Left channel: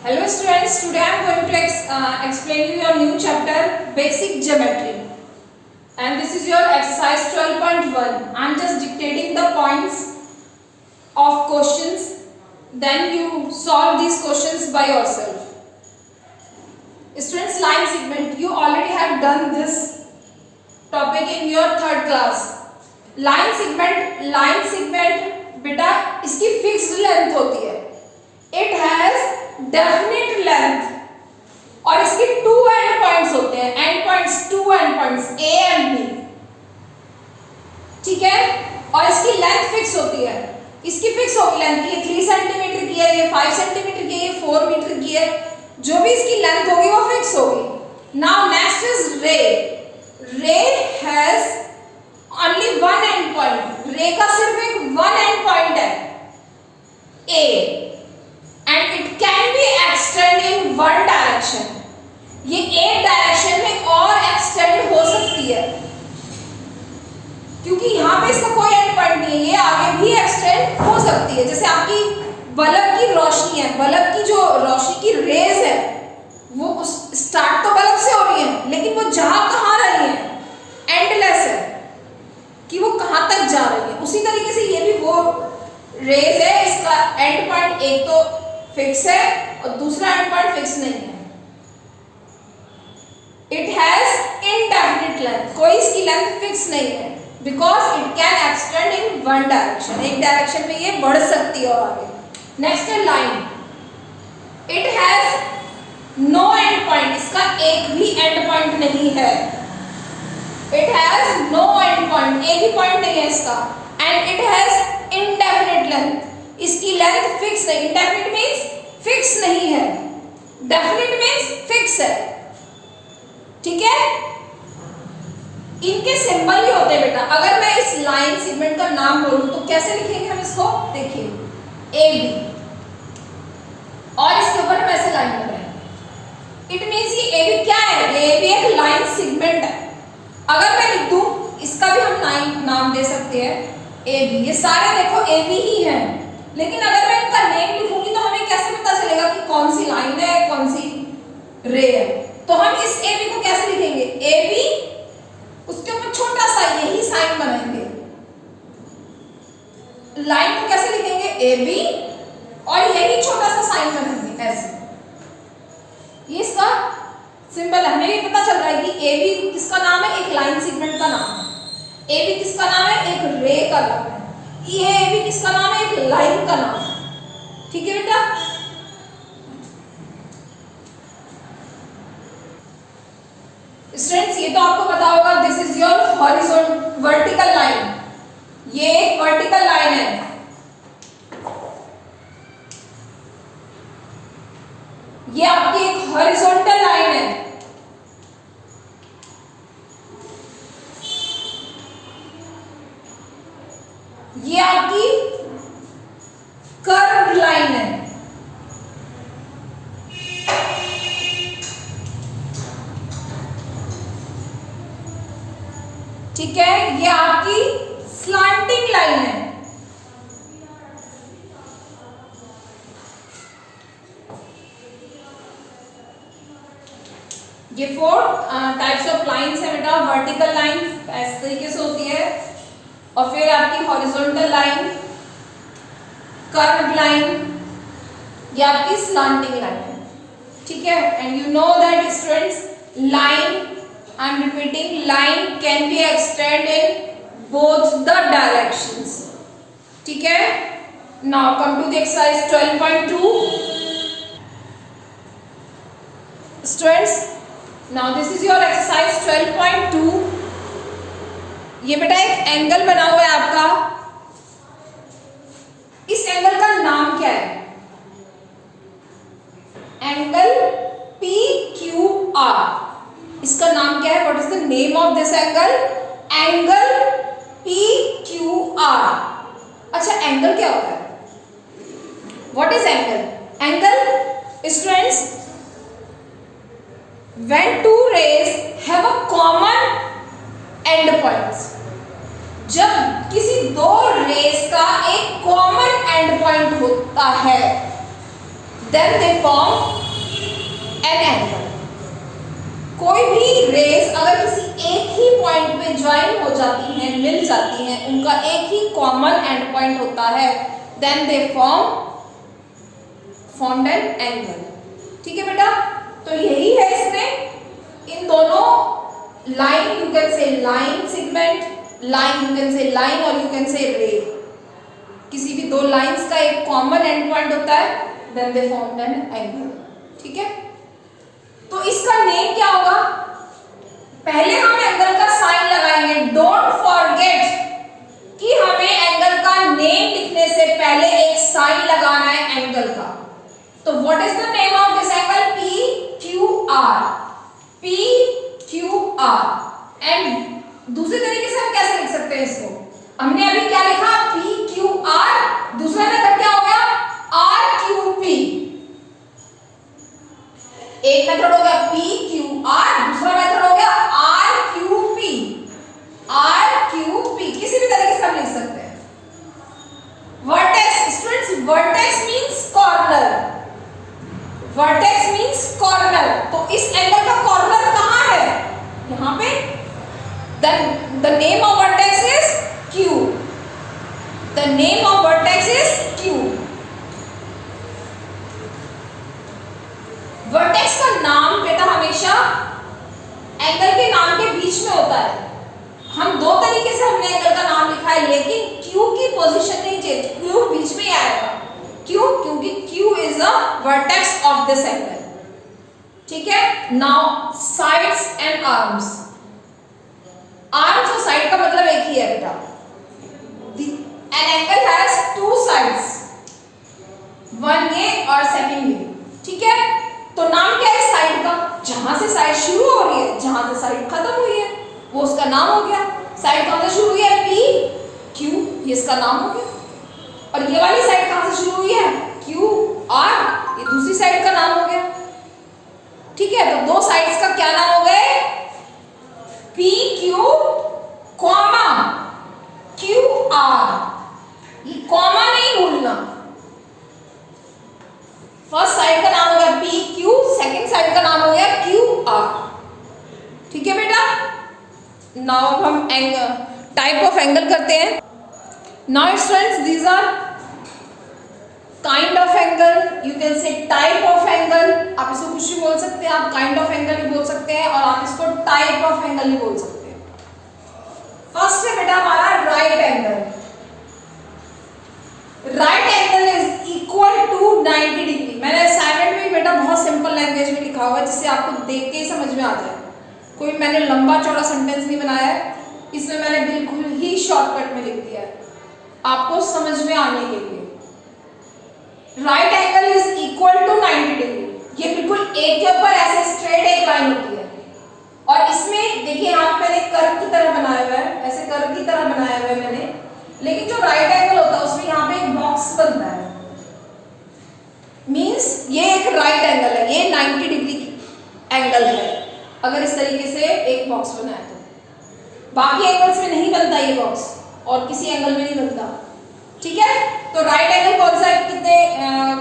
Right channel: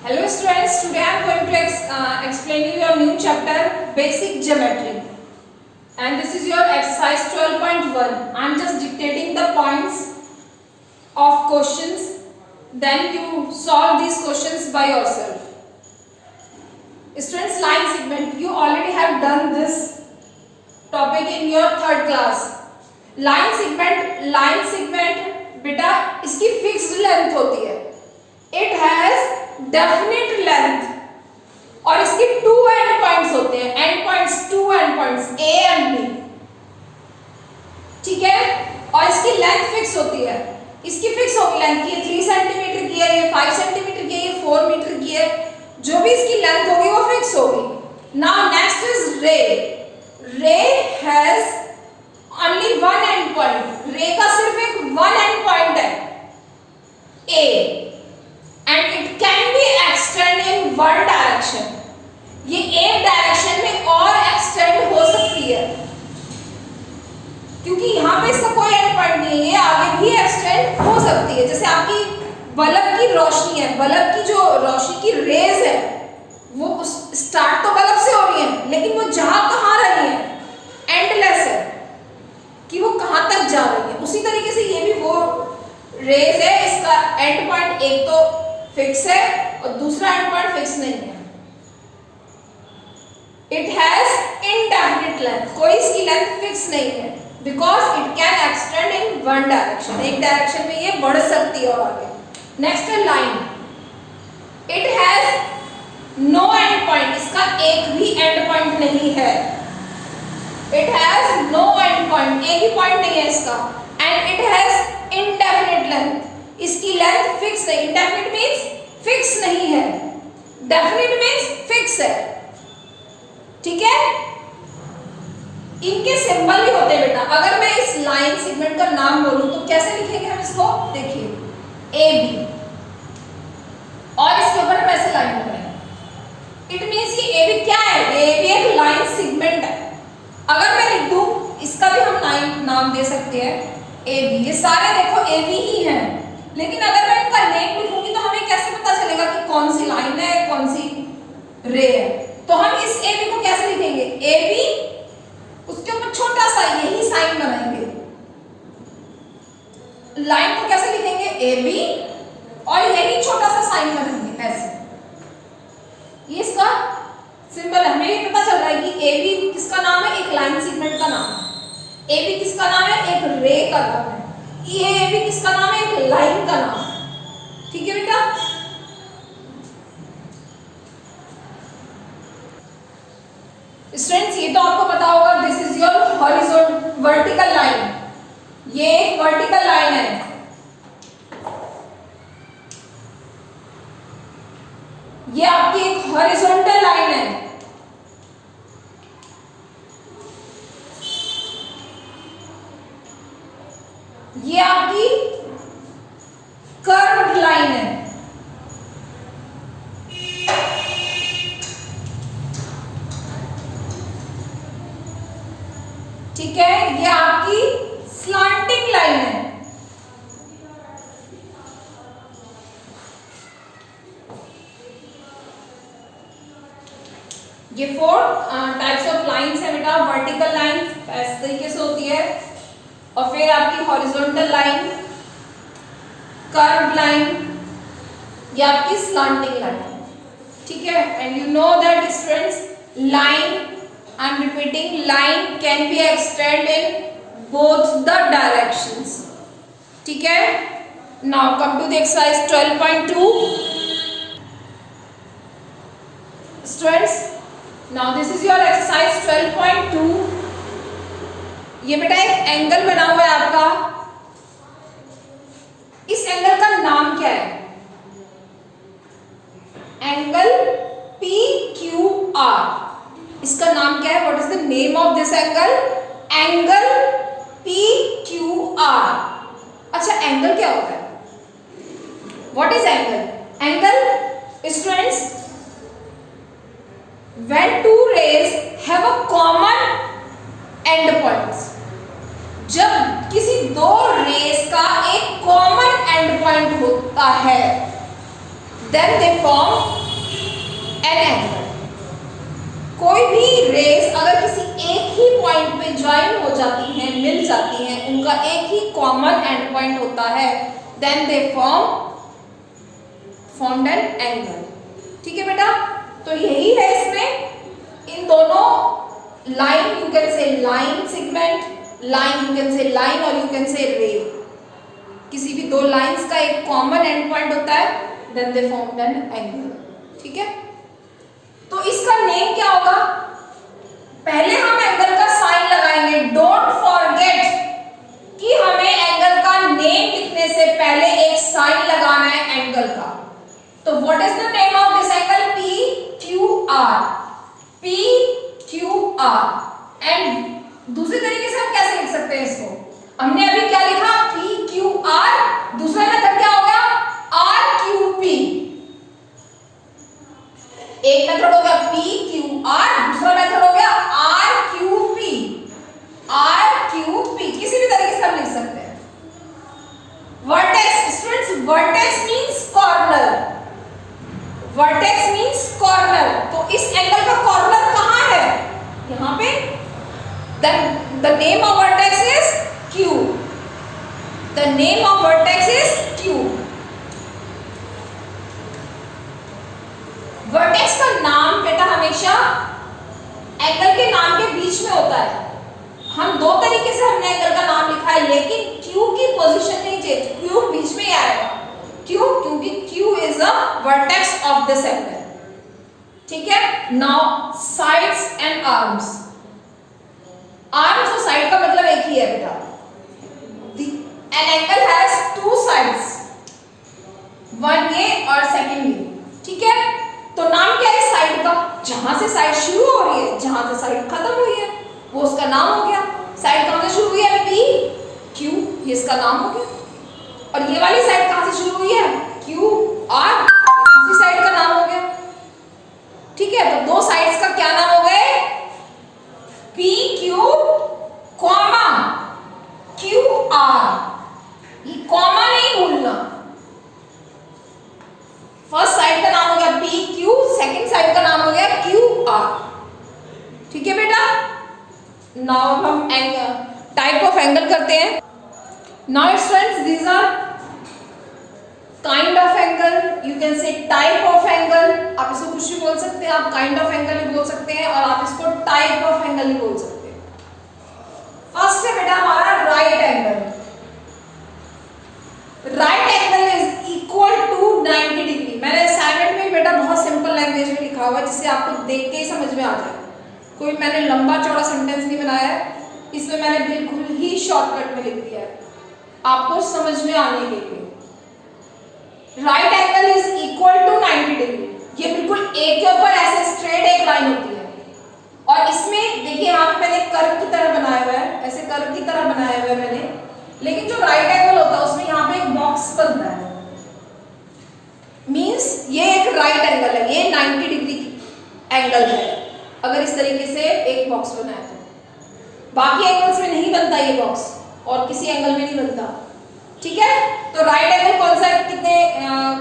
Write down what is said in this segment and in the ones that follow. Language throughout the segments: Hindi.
Hello students, today I am going to explain you your new chapter Basic Geometry, and this is your exercise 12.1. I am just dictating the points of questions, then you solve these questions by yourself. Students, line segment, you already have done this topic in your third class. line segment बेटा इसकी फिक्स्ड लेंथ होती है, इट हैज डेफिनेट लेंथ और इसके टू एंड पॉइंट्स होते हैं, end points, two end points A and B, ठीक है। और इसकी लेंथ फिक्स होती है, इसकी फिक्स होगी लेंथ की, 3 सेंटीमीटर की है, ये 5 सेंटीमीटर की है, ये 4 मीटर की है, जो भी इसकी लेंथ होगी वो फिक्स होगी। Now next is ray. Ray has only one end point, ray का सिर्फ एक वन एंड पॉइंट है ए, and it can be extend in one direction. ये एक डायरेक्शन में और एक्सटेंड हो सकती है, क्योंकि यहां पे इसका कोई एंड पॉइंट नहीं है, ये आगे भी एक्सटेंड हो सकती है। जैसे आपकी बल्ब की रोशनी है, बल्ब की जो रोशनी की रेज है वो स्टार्ट तो बल्ब से हो रही है, लेकिन वो जहां कहां रही है, एंडलेस है कि वो कहां तक जा रही है। उसी तरीके से ये भी वो रेज है, इसका एंड पॉइंट एक तो फिक्स है और दूसरा एंड पॉइंट फिक्स नहीं है। इट हैज इनडेफिनिट लेंथ, कोई इसकी लेंथ फिक्स नहीं है, because it can extend in one direction, एक डायरेक्शन में ये बढ़ सकती है और आगे। नेक्स्ट है line. It has no end point, इसका एक भी एंड पॉइंट नहीं है। It has no end point, एक भी पॉइंट नहीं है इसका, and it has indefinite length, इसकी लेंथ फिक्स है। इनडेफिनिट मींस फिक्स नहीं है, डेफिनिट मींस फिक्स है, ठीक है। इनके सिंबल भी होते हैं बेटा। अगर मैं इस लाइन सेगमेंट का नाम बोलूं तो कैसे लिखेंगे हम इसको, देखिए ए बी, और इसके ऊपर हम ऐसे लाइन बनाएंगे। इट मींस ये ए बी क्या है, ये भी एक लाइन सेगमेंट है। अगर मैं लिख दूं, इसका भी हम नाम दे सकते हैं ए बी, ये सारे देखो ए बी ही हैं, लेकिन अगर मैं इनका नेम लिखूंगी तो हमें कैसे पता चलेगा कि कौन सी लाइन है, कौन सी रे है। तो हम इस ए बी को कैसे लिखेंगे, ए बी, उसके ऊपर छोटा सा यही साइन बनाएंगे। लाइन को कैसे लिखेंगे, ए बी, और यही छोटा सा साइन बनाएंगे ऐसे। ये इसका सिंबल है। हमें ये पता चल रहा है कि ए बी किसका नाम है, एक लाइन सेगमेंट का नाम है। ए बी किसका नाम है, एक रे का नाम है। ये ए बी किसका नाम है, एक लाइन का नाम है, ठीक है बेटा। स्टूडेंट्स, ये तो आपको पता होगा, this is your horizontal vertical line, ये एक वर्टिकल लाइन है। ये आपकी एक हॉरिजॉन्टल लाइन है। ये आपकी कर्व्ड लाइन है। ठीक है, ये आपकी स्लांटिंग लाइन है। ये 4 टाइप्स ऑफ लाइंस है बेटा। वर्टिकल लाइन इस तरीके से होती है, और फिर आपकी हॉरिजॉन्टल लाइन, कर्व्ड लाइन, ये आपकी स्लांटिंग लाइन है, ठीक है। And you know that students, line, I am repeating, line can be extend in both the directions, ठीक है। Now come to the exercise 12.2 students. Now this is your exercise 12.2। ये बेटा एक एंगल बना हुआ है आपका, इस एंगल का नाम क्या है, एंगल पी क्यू आर, इसका नाम क्या है, what is the name of this angle, angle P Q are. अच्छा, एंगल क्या होता है, what is angle, angle students, when two rays have a common end points, जब किसी दो रेस का एक कॉमन एंड पॉइंट होता है, then they form an angle. कोई भी रेज अगर किसी एक ही पॉइंट पे ज्वाइन हो जाती हैं, मिल जाती हैं, उनका एक ही कॉमन एंड पॉइंट होता है, then they formed an angle. ठीक है बेटा, तो यही है इसमें इन दोनों line, you can say line segment, line you can say line और यू कैन से रे। किसी भी दो लाइंस का एक कॉमन एंड पॉइंट होता है, then they formed an angle. ठीक है, तो इसका नेम क्या होगा? पहले हम एंगल का साइन लगाएंगे। डोंट फॉरगेट कि हमें एंगल का नेम लिखने से पहले एक साइन लगाना है एंगल का। तो what is the name of this angle? P Q are, P Q are. And दूसरे तरीके से हम कैसे लिख सकते हैं इसको? हमने अभी क्या लिखा? P Q R. दूसरा मेथड क्या हो गया? R Q P. एक मेथड हो गया पी क्यू आर, दूसरा मेथड हो गया R Q P. R Q P किसी भी तरीके से हम लिख सकते हैं। Vertex, students, vertex means corner. Vertex means corner. तो इस एंगल का कॉर्नर कहां है? यहां पे। The name of vertex is Q. The name of vertex is Q. Vertex का नाम बेटा हमेशा एंगल के नाम के बीच में होता है। हम दो तरीके से हमने एंगल का नाम लिखा है, लेकिन Q की पोजीशन नहीं चेंज, Q बीच में ही आएगा। क्यों? क्योंकि Q is a vertex of this angle. ठीक है, now sides and arms. Arms और साइड का मतलब एक ही है बेटा। An angle has two sides, one ये और सेकंड ये। ठीक है, तो नाम क्या है साइड का? जहां से साइड शुरू हो रही है, जहां से साइड खत्म हुई है, वो उसका नाम हो गया। साइड कहां से शुरू हुई है? पी क्यू, ये इसका नाम हो गया। और ये वाली साइड कहां से शुरू हुई है? क्यू आर, ये दूसरी साइड का नाम हो गया। ठीक है, तो दो साइड्स का क्या नाम हो गए? P Q comma Q R. ये कॉमा नहीं भूलना। फर्स्ट साइड का नाम हो गया पी क्यू, सेकंड साइड का नाम हो गया क्यू आर। ठीक है बेटा, नाउ हम एंगल, टाइप ऑफ एंगल करते हैं। Now students, these are kind of angle, you can say type of angle. आप इसको कुछ भी बोल सकते हैं, आप काइंड ऑफ एंगल भी बोल सकते हैं, और आप इसको टाइप ऑफ एंगल भी बोल सकते हैं। फर्स्ट है बेटा हमारा right angle. Right angle is equal to 90 degree. मैंने असाइनमेंट में बेटा बहुत सिंपल लैंग्वेज में लिखा हुआ है, जिससे आपको देख के ही समझ में आ जाए। कोई मैंने लंबा चौड़ा सेंटेंस नहीं बनाया है, इसमें मैंने बिल्कुल ही शॉर्टकट में लिख दिया है आपको समझ में आने के लिए। Right angle is equal to 90 degree. ये बिल्कुल एक के ऊपर ऐसे स्ट्रेट एक लाइन होती है, और इसमें देखिए यहाँ पे मैंने कर्व की तरह बनाया हुआ है, ऐसे कर्व की तरह बनाया हुआ है मैंने। लेकिन जो राइट एंगल होता है उसमें यहाँ पे एक बॉक्स बनता है, मींस ये एक राइट एंगल है, ये 90 डिग्री एंगल है। अगर इस तरीके से एक बॉक्स बनाए तो बाकी एंगल्स में नहीं बनता ये बॉक्स, और किसी एंगल में नहीं बनता। ठीक है, तो राइट एंगल कौन सा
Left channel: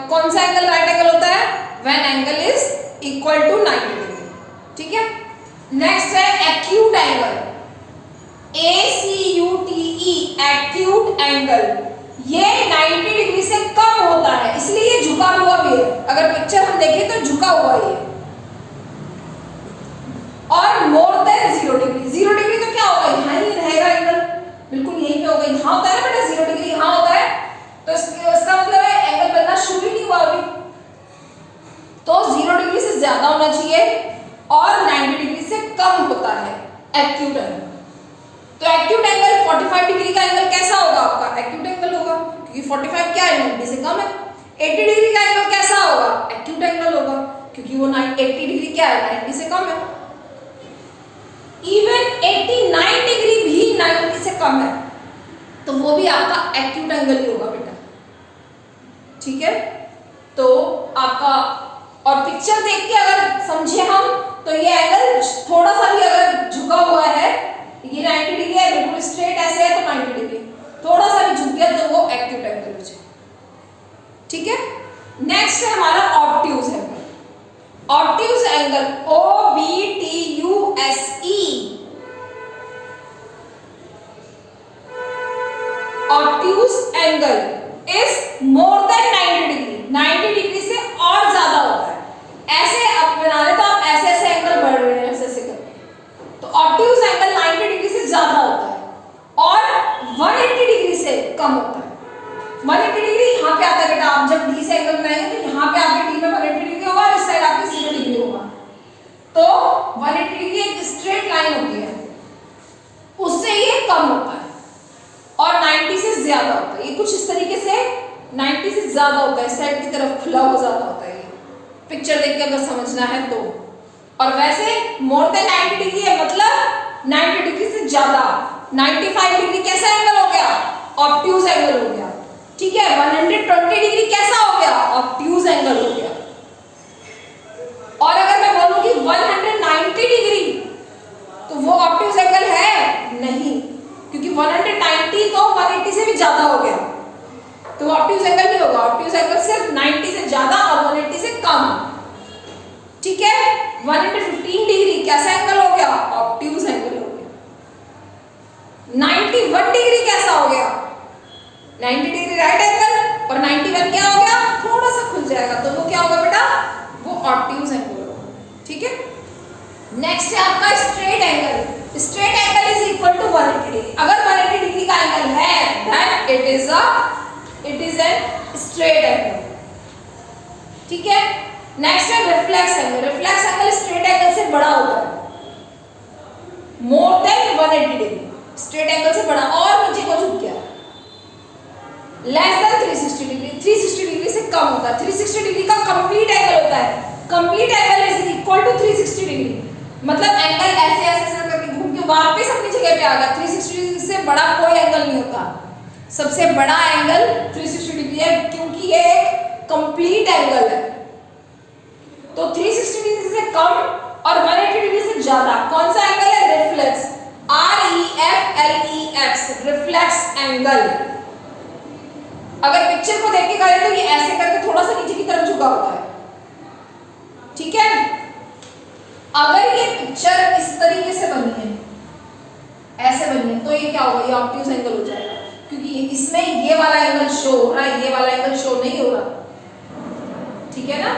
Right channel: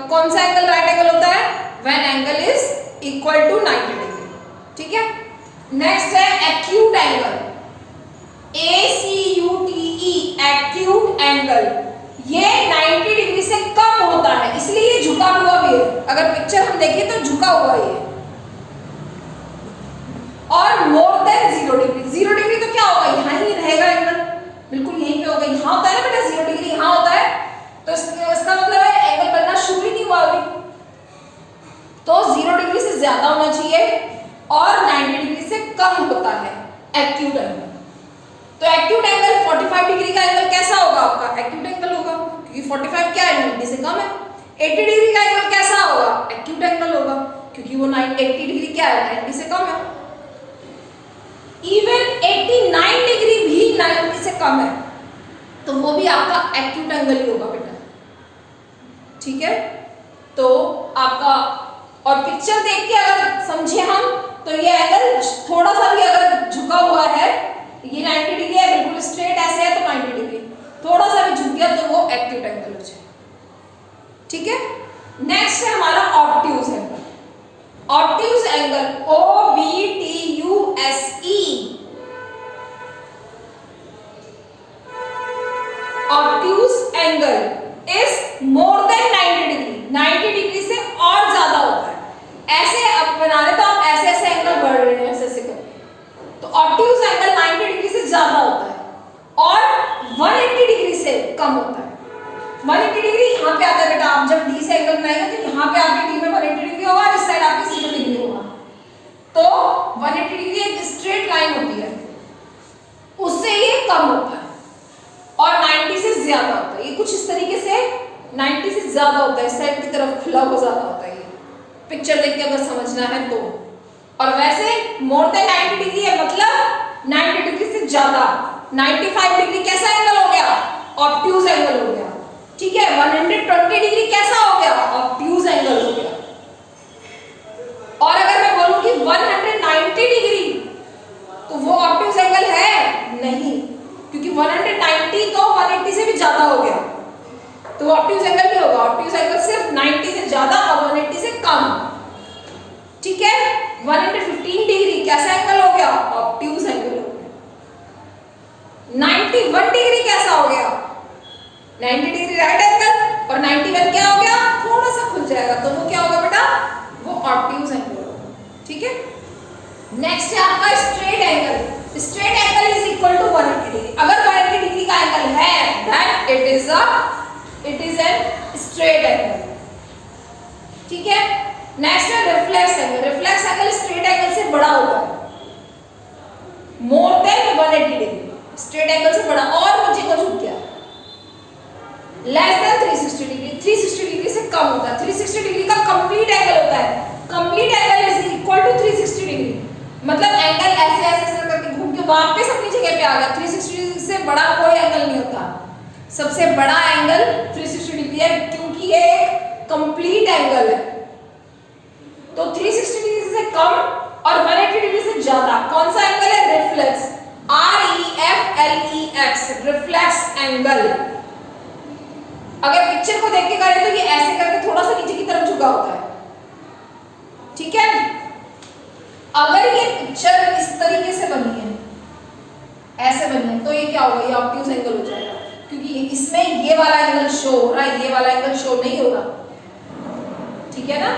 कौन सा एंगल राइट एंगल होता है? When angle is equal to 90 degree. ठीक है, नेक्स्ट है acute angle, ACUTE, acute angle. ये 90 डिग्री से कम होता है, इसलिए ये झुका हुआ भी है। अगर पिक्चर हम देखें तो झुका हुआ ये, और मोर देन 0 डिग्री। 0 डिग्री तो क्या होगा? यहाँ ही रहेगा एंगल, बिल्कुल यहीं पे होगा। यहाँ होता है ना बेटा 0 डिग्री, यहाँ होता है, तो इसका मतलब है एंगल बनना शुरू ही नहीं हुआ अभी। तो 0 डिग्री से ज्यादा होना चाहिए और 90 डिग्री से कम होता है एक्यूट एंगल। तो एक्यूट एंगल 45 डिग्री का एंगल कैसा होगा आपका? एक्यूट एंगल होगा, क्योंकि 45 क्या है? 90 से कम है। 80 डिग्री का एंगल कैसा होगा? एक्यूट एंगल होगा, क्योंकि वो 80 डिग्री क्या है? 90 से कम है। इवन 89 डिग्री भी 90 से कम है, तो वो भी आपका एक्यूट एंगल ही होगा बेटा। ठीक है, तो आपका, और पिक्चर देख के अगर समझे हम, तो ये एंगल थोड़ा सा भी अगर झुका हुआ है, ये 90 डिग्री है, बिल्कुल स्ट्रेट ऐसे है तो 90 डिग्री, थोड़ा सा भी झुक गया तो वो एक्यूट एंगल हो जाए। ठीक है, नेक्स्ट है हमारा obtuse angle. Obtuse angle OBTUSE, obtuse angle is more than 90 degree, 90 degree से और ज्यादा होता है। ऐसे अब बना रहे तो आप ऐसे ऐसे एंगल बढ़ रहे हैं, ऐसे ऐसे करके, तो ऑब्ट्यूज एंगल 90 डिग्री से ज्यादा होता है और 180 डिग्री से कम होता है। 180 डिग्री यहाँ पे आता है बेटा, आप जब डी से एंगल बनाएंगे तो यहाँ पे आपके डी में 180 डिग्री होगा और इस साइड आपके सी में डिग्री होगा। तो 180 डिग्री एक स्ट्रेट लाइन होती है, उससे ये कम होता है और 90 से ज्यादा होता है। ये कुछ इस तरीके से 90 से ज्यादा होता है, इस साइड की तरफ खुला हो ज्यादा होता है। ये पिक्चर देख के अगर समझना है तो। और वैसे मोर देन 90 डिग्री है मतलब 90 डिग्री से ज्यादा। 95 डिग्री कैसा एंगल हो गया? ऑब्ट्यूज एंगल हो गया। ठीक है, 120 डिग्री कैसा हो गया? ऑब्ट्यूज एंगल हो गया। और अगर मैं बोलूं कि 190 डिग्री तो वो ऑब्ट्यूज एंगल है नहीं, क्योंकि 190 तो 180 से भी ज्यादा हो गया, तो ऑब्ट्यूज एंगल नहीं होगा। ऑब्ट्यूज एंगल सिर्फ 90 से ज्यादा और 180 से कम। ठीक है, 115 डिग्री कैसा एंगल हो गया? ऑब्ट्यूज एंगल हो गया। 91 डिग्री कैसा हो गया? 90 डिग्री राइट एंगल और 91 क्या हो गया? थोड़ा सा खुल जाएगा, तो वो क्या होगा बेटा? वो ऑब्ट्यूज एंगल होगा। ठीक है, नेक्स्ट है आपका straight angle. Straight angle is equal to 180 degree. अगर 180 डिग्री का एंगल है then it is an straight angle. ठीक है, नेक्स्ट है reflex angle. Reflex angle straight angle से बड़ा होता है, more than 180 degree, straight angle से बड़ा और नीचे को झुक गया। लेस देन 360 डिग्री, 360 डिग्री से कम होता है। 360 डिग्री का कंप्लीट एंगल होता है। Complete angle is equal to 360 degree, मतलब एंगल ऐसे ऐसे करके घूम के वापस अपनी जगह पे आ गया। 360 डिग्री से बड़ा कोई एंगल नहीं होता। सबसे बड़ा एंगल 360 डिग्री है, क्योंकि ये एक कंप्लीट एंगल है। तो 360 डिग्री से कम और 180 डिग्री से ज्यादा कौन सा एंगल है? Reflex, REFLEX, reflex angle. अगर पिक्चर को देख के करें तो ये ऐसे करके थोड़ा सा नीचे की तरफ झुका होता है। ठीक है, अगर ये पिक्चर इस तरीके से बनी है, ऐसे बनी है, तो ये क्या होगा? ये ऑब्ट्यूज एंगल हो जाएगा, क्योंकि इसमें ये वाला एंगल शो हो रहा है, ये वाला एंगल शो नहीं हो रहा। ठीक है ना,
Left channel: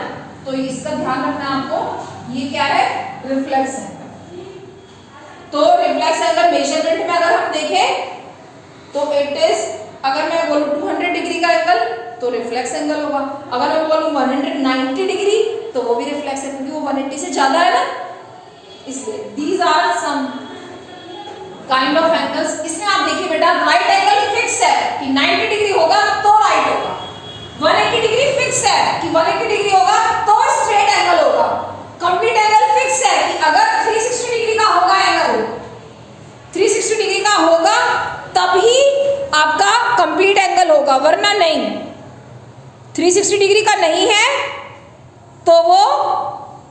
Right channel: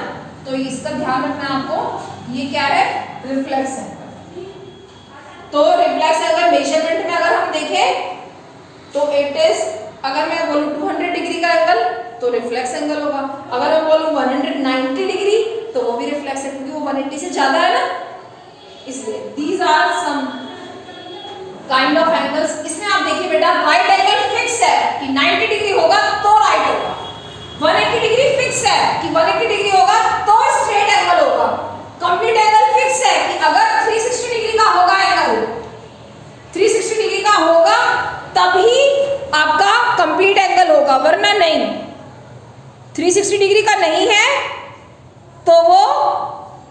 तो इसका ध्यान रखना आपको। ये क्या है? Reflex angle. तो रिफ्लेक्स एंगल मेजरमेंट में अगर हम देखें तो इट इज, अगर मैं बोलूं 200 डिग्री का एंगल तो रिफ्लेक्स एंगल होगा। अगर मैं बोलूं 190 डिग्री तो वो भी रिफ्लेक्स है, क्योंकि वो 180 से ज्यादा है ना, इसलिए these are some kind of angles. इसमें आप देखिए बेटा, राइट एंगल फिक्स है कि 90 डिग्री होगा तो राइट होगा। 180 डिग्री फिक्स है कि 180 डिग्री होगा तो स्ट्रेट एंगल होगा। कंप्लीट एंगल फिक्स है कि अगर 360 डिग्री का होगा एंगल, 360 डिग्री का होगा तभी आपका कंप्लीट एंगल होगा, वरना नहीं। 360 डिग्री का नहीं है तो वो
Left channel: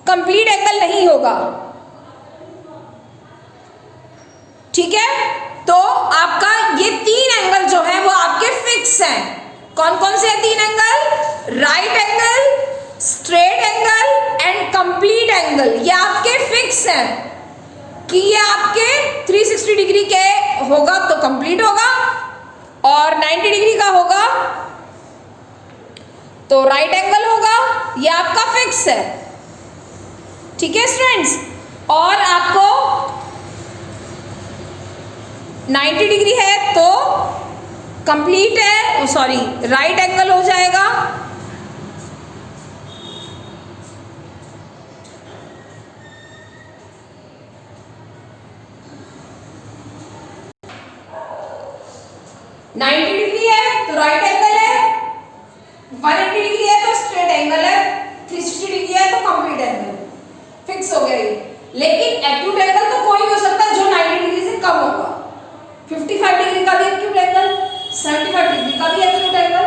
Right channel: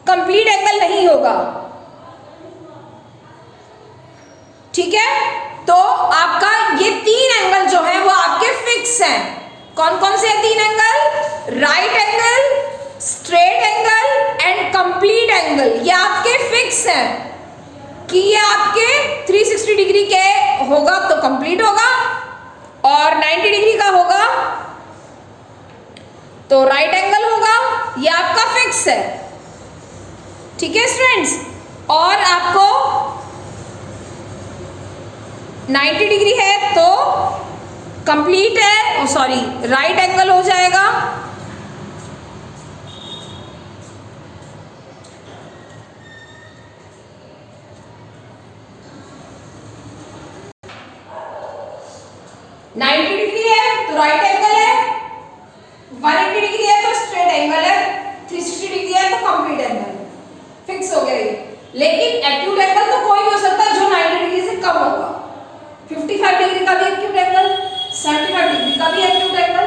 कंप्लीट एंगल नहीं होगा। ठीक है, तो आपका ये 3 एंगल जो है वो आपके फिक्स हैं। कौन कौन से 3 angle? Right angle, straight angle and complete angle. ये आपके फिक्स हैं कि ये आपके 360 डिग्री के होगा तो कंप्लीट होगा, और 90 डिग्री का होगा तो राइट एंगल होगा। ये आपका फिक्स है। ठीक है स्टूडेंट्स, और आपको 90 डिग्री है तो कंप्लीट है, सॉरी राइट एंगल हो जाएगा। डिग्री है तो राइट एंगल है, 180 डिग्री है तो स्ट्रेट एंगल है, 360 डिग्री है तो कंप्लीट एंगल। फिक्स हो गया ये। लेकिन एक्यूट एंगल तो कोई भी हो सकता है जो 90 डिग्री से कम होगा। 55 डिग्री का भी एक्यूट एंगल, 75 डिग्री का भी एक्यूट एंगल।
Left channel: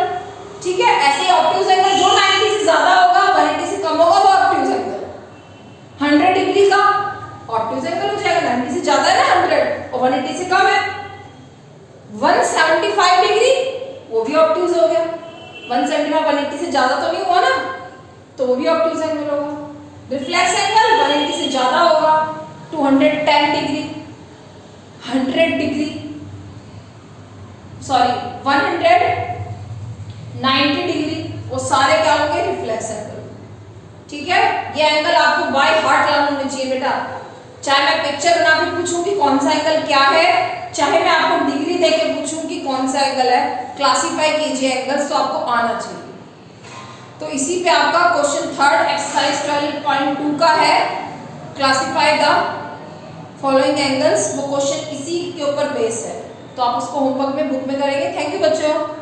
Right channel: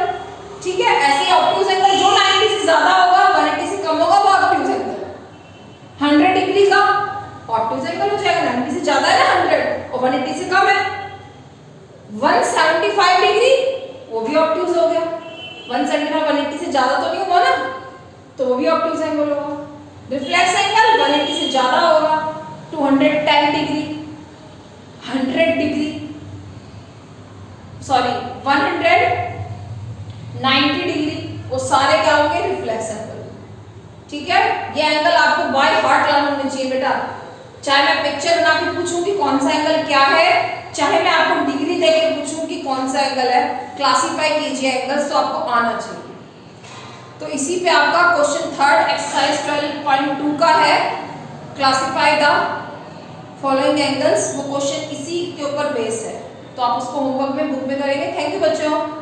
ठीक है, ऐसे ऑब्ट्यूज एंगल जो 90 से ज्यादा होगा, 180 से कम होगा, वो ऑब्ट्यूज एंगल। 100 डिग्री का ऑब्ट्यूज एंगल हो जाएगा, 90 से ज्यादा है ना 100 और 180 से कम है। 175 डिग्री वो भी ऑब्ट्यूज हो गया। 175 180 से ज्यादा तो नहीं हुआ ना, भी ऑब्टयूज एंगल होगा। रिफ्लेक्स एंगल 180 से ज्यादा होगा, 210 डिग्री, 100 डिग्री, सॉरी 190 डिग्री, वो सारे क्या होंगे? Reflex angle. ठीक है, ये एंगल आपको बाय हार्ट याद होने चाहिए बेटा। चाहे मैं पिक्चर बना के पूछूं कि कौन सा एंगल क्या है, चाहे मैं आपको डिग्री देके पूछूं कि कौन सा एंगल है, क्लासिफाई कीजिए एंगल्स, तो आपको आना चाहिए। तो इसी पे आपका क्वेश्चन थर्ड एक्सरसाइज 12.2 का है, क्लासिफाई द फॉलोइंग एंगल्स। वो क्वेश्चन इसी के ऊपर बेस है, तो आप उसको होमवर्क में बुक में करेंगे। थैंक यू बच्चों।